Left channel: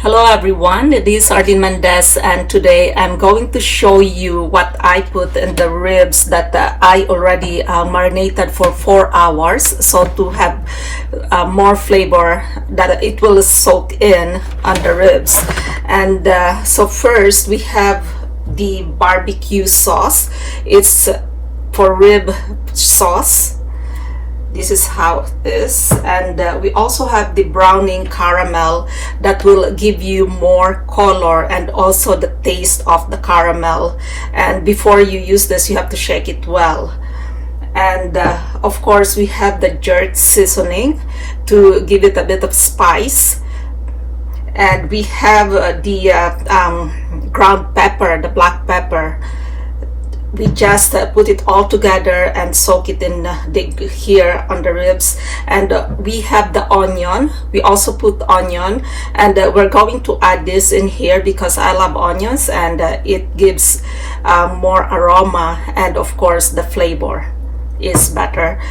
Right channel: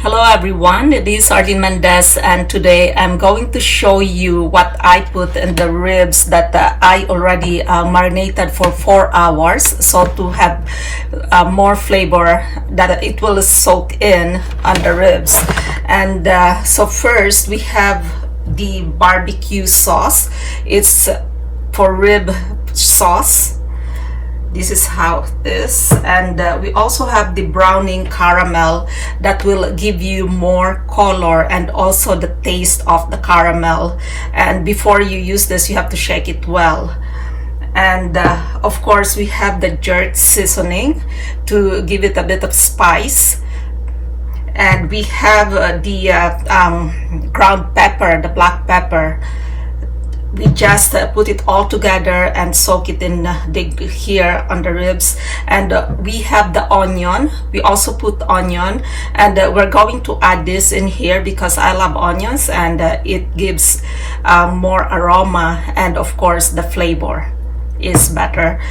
Hello everyone, this is Arlene Mendez, and today I'm going to show you what I put in the ribs that I already marinated for 4 hours, so to have more flavor that it will soak in on the ribs. And so first we have the barbecue sauce. It's for rib sauce. This is how it is. And we also have the browning caramel that will give you more color and also the taste of the caramel. And before you use this, you have to shake it well. And of course we have the jerk seasoning to give it a bit of spice. And we have the ground pepper, the black pepper. We just put it all together and soak it in here on the ribs. And we have the onion. We also put onion, and we're going to add this in here because I love onions, and it gives more aroma, and of course the flavor is better.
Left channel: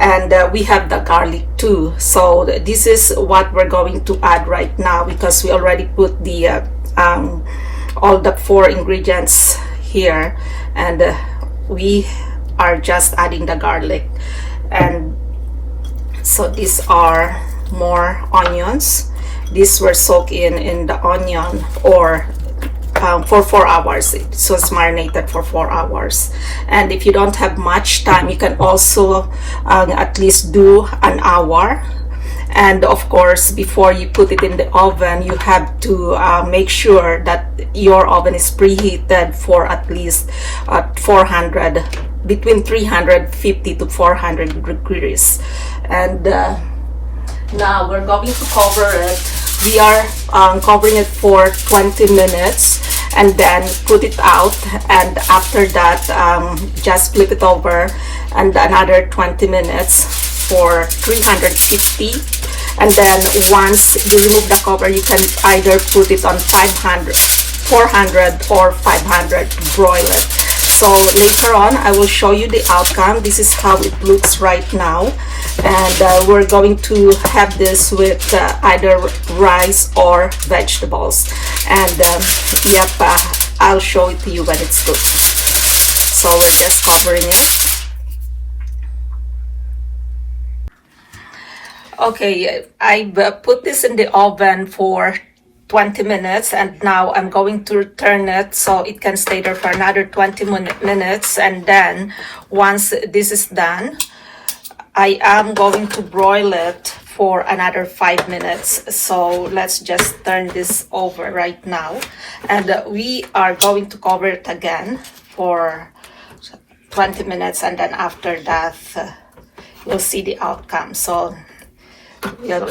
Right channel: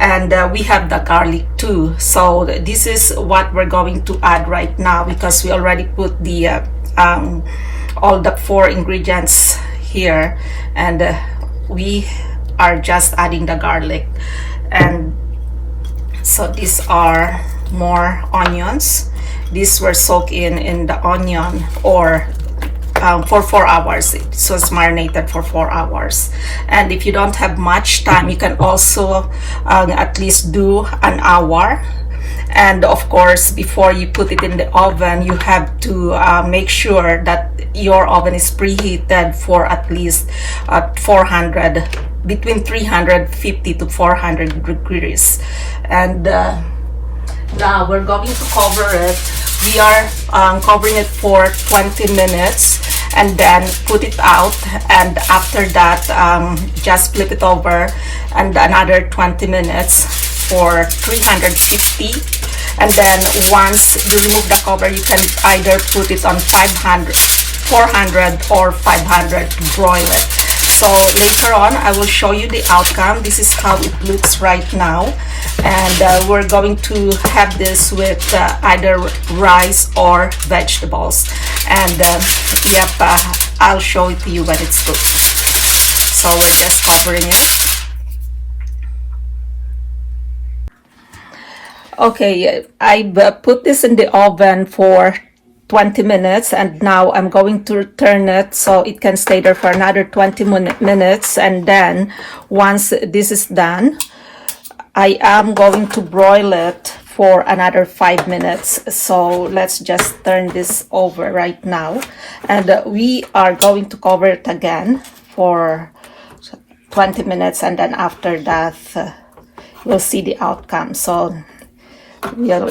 And we have the garlic too. So this is what we're going to add right now because we already put the all the 4 ingredients here, and we are just adding the garlic. And so these are more onions. These were soaked in the onion or for 4 hours. It was marinated for 4 hours. And if you don't have much time, you can also at least do an hour. And of course, before you put it in the oven, you have to make sure that your oven is preheated for at least 400, between 350 to 400 degrees. And now we're going to cover it. We are covering it for 20 minutes and then put it out. And after that, just flip it over and another 20 minutes for 350. And then once you remove the cover, you can either put it on 400 or 500 to broil it. So later on I will show you the outcome. This is how it looks right now, and we're going to have this with either rice or vegetables. And yep, I'll show it to you when it's cooked. So we're just covering it. Okay, I put this in the oven for 20 minutes, and now I'm going to turn it so it can stay there for another 20 minutes. And then once this is done, I am going to broil it for another 5 minutes. So let's just turn this over right now, and we are going to cover it again for 20 minutes, and then after that we'll see the outcome. So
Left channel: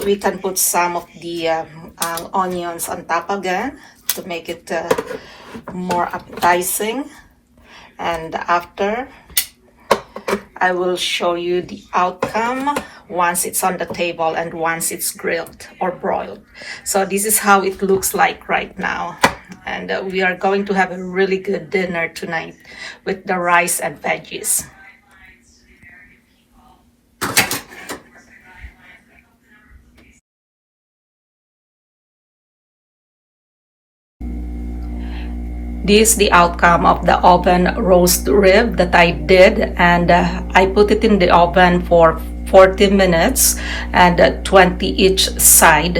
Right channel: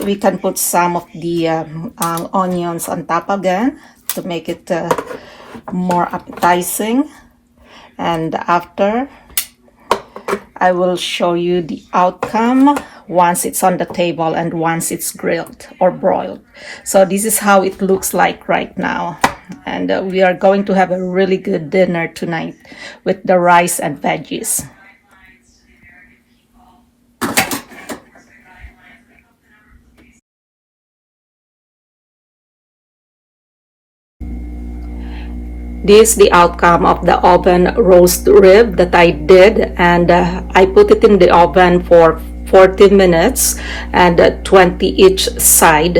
we can put some of the onions on top again to make it more appetizing. And after, I will show you the outcome once it's on the table and once it's grilled or broiled. So this is how it looks like right now. And we are going to have a really good dinner tonight with the rice and veggies. This is the outcome of the oven roast rib that I did, and I put it in the oven for 40 minutes and 20 each side.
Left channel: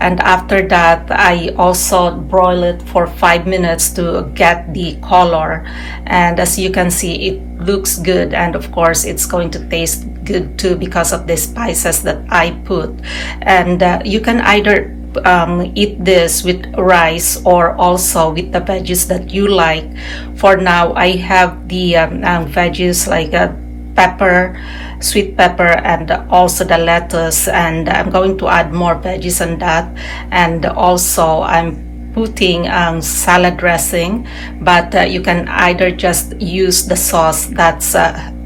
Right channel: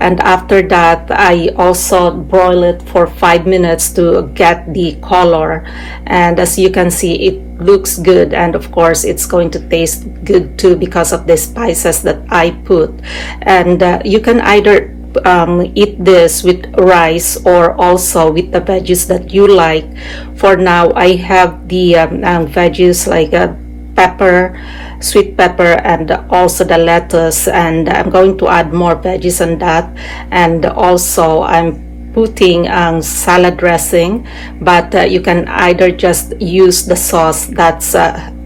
And after that, I also broil it for 5 minutes to get the color. And as you can see, it looks good, and of course it's going to taste good too because of the spices that I put. And you can either eat this with rice or also with the veggies that you like. For now, I have the veggies like pepper, sweet pepper, and also the lettuce, and I'm going to add more veggies on that. And also I'm putting salad dressing, but you can either just use the sauce that's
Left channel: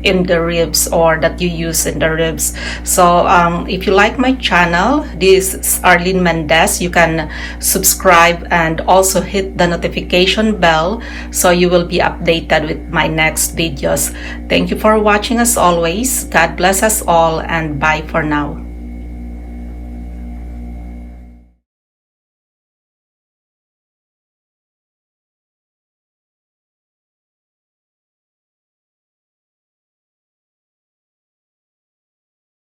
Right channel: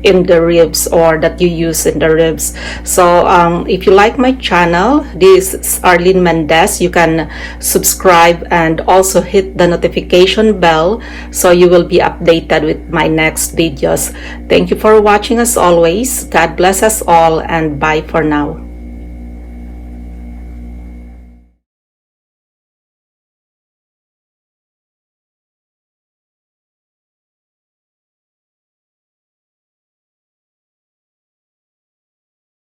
in the ribs or that you use in the ribs. So if you like my channel, this is Arlene Mendez, you can subscribe and also hit the notification bell so you will be updated with my next videos. Thank you for watching as always. God bless us all, and bye for now.